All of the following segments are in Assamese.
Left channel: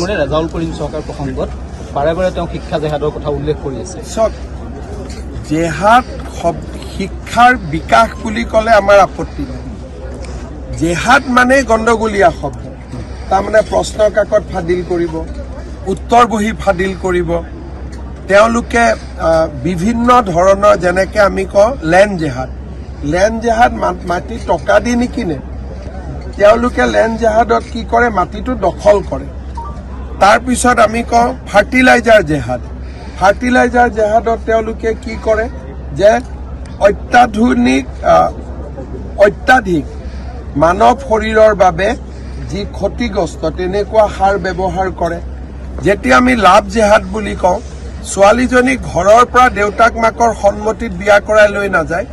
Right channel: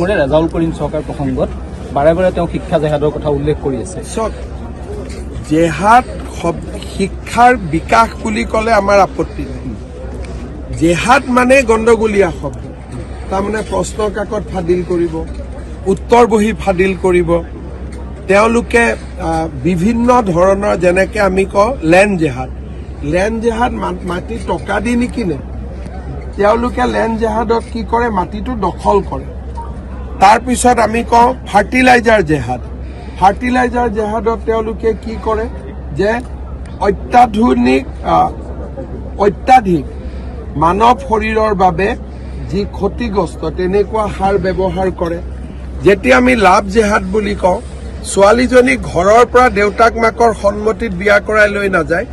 ৰেজাউল কৰিম চৰকাৰ প্ৰসংগত বাৰে বাৰে তেওঁ শিক্ষা জেহাদৰ কথা উল্লেখ কৰি আছে। জেহাদ শিক্ষাৰ বিকাশ বুলি ক'লে আমাৰ আপত্তি নাই। জেহাদ মানেই গণ্ডগোলীয়া শব্দ। তাৰমানে প্ৰশ্ন কাকত ফাদিল কৰিব, উত্তৰ বহি ফাদিল কৰিব। তেওঁলোকে বিভিন্ন ধৰণৰ যেনেকৈ আমি কওঁ লেণ্ড জেহাদ মাটি টকা দি নিকিনে। তেওঁলোকে লেণ্ড জেহাদত কি কৰে, মাটিটো দখল কৰে। তাৰপিছত আমি কওঁ ফাৰ্টিলাইজাৰ জেহাদত তেওঁলোকে কি কৰে যে অত্যাধিক মানৱ শৰীৰৰ বাবে যি ক্ষতিগ্ৰস্ত তেনেকুৱা সাৰ ব্যৱহাৰ কৰে। যেতিয়া আমি লাভ জেহাদ বুলি কওঁ, ছোৱালীজনী ঘৰৰ পৰা দেউতাক মাকৰ সন্মতিত বিয়া কৰাই লৈ নাযায়,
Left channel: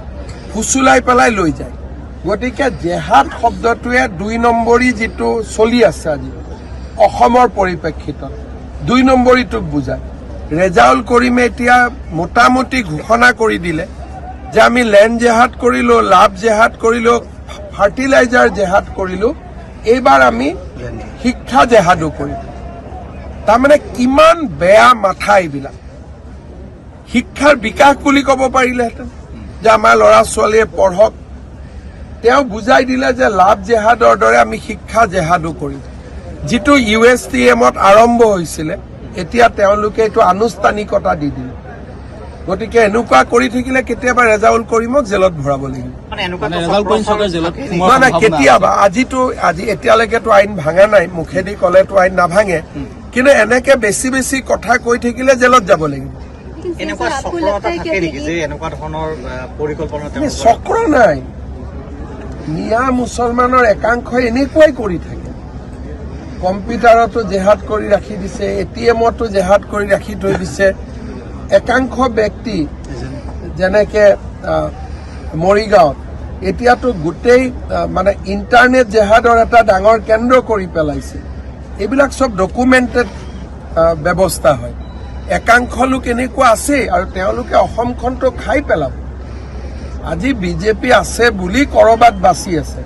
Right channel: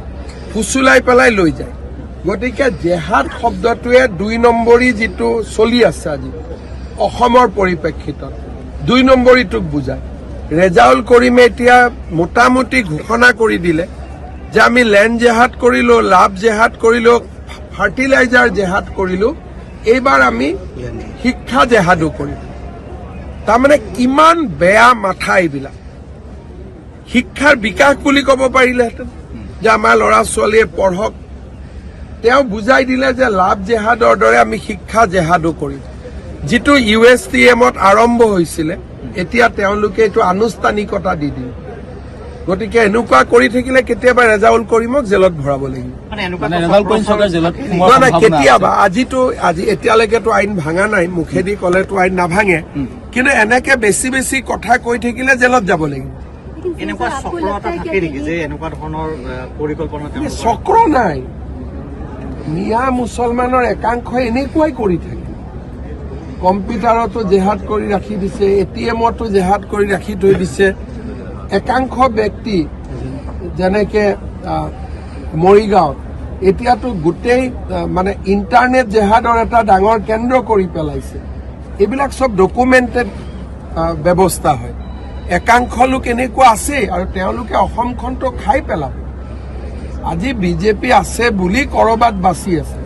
ফুচুলাই পেলাই লৈ যায়। গতিকে জেহাদ শব্দটোৱে ২ নম্বৰী যিটো চলি আছে আজি অসমৰ পৰিপ্ৰেক্ষিতত ২ নম্বৰীটোক বুজায়। ৰেজাউল কৰিমে এতিয়া মোটামুটি ঘোষণা কৰি দিলে যে আমি লেণ্ড জেহাদ কৰিলো, লাভ জেহাদ কৰিলো, ফাৰ্টিলাইজাৰ জেহাদ কৰিলো, এইবাৰ আমি শিক্ষা জেহাদো কৰিলো। তাৰমানে কিমান বেয়া মাথা এইবিলাক। শিক্ষাৰ বিকাশ বুলি ক'ব পাৰিলেহেঁতেন যে আমাৰ ল'ৰা ছোৱালীয়ে পঢ়ক। তেওঁ বুজাই দিলে যে লাভ জেহাদৰ দৰে আমি শিক্ষা জেহাদো কৰিম। যিটো USTMত আৰম্ভ হৈছিলে, এতিয়া তেওঁলোকে এইটো আনুষ্ঠানিকতা দি দিলে। গতিকে এনেকুৱা কৰি থাকিলে কেতিয়াবা ৰেজাউল কৰিমক জেলত ভৰাব লাগিব। নাই কেতিয়াবা, আজি এতিয়ালৈকেতো আইন ভাঙা নাই, মুখেদি ক'লেতো আইন নাভাঙে, কিন্তু এনেকে বেছি কথা কৈ থাকিলে জেলত যাব লাগিব। চক্ৰ নাই, মিয়া মুছলমানৰ একাংশই এনেকুৱাই কৰি থাকে। কম্পিউটাৰতো জেহাদ কৰি ৰাখি দিছে, ATMতো জেহাদ কৰি ৰাখি থৈ দিছে। একাংশ ব্যক্তি যেনেকে মৰিগাঁৱত এতিয়াতো গোটেই মানে ইণ্টাৰনেট জেহাদৰ এটা ডাঙৰ কেন্দ্ৰ কৰি পেলাইছে। এইবিলাক চব ডকুমেণ্টেড ব্যৱস্থা হয়। একাংশ লোক এনেকুৱা আছেই, আৰু তেওঁলোকে অসমখনটো খাই পেলাব। আজি BJP আছে বুলি কৰবাত বাচি আছে,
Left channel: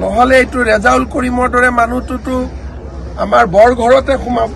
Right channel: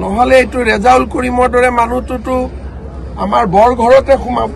নহ'লে এইটো ৰেজাউল কৰিমৰ দৰে মানুহটোতো আমাৰ বৰ ঘৰতে সোমাব।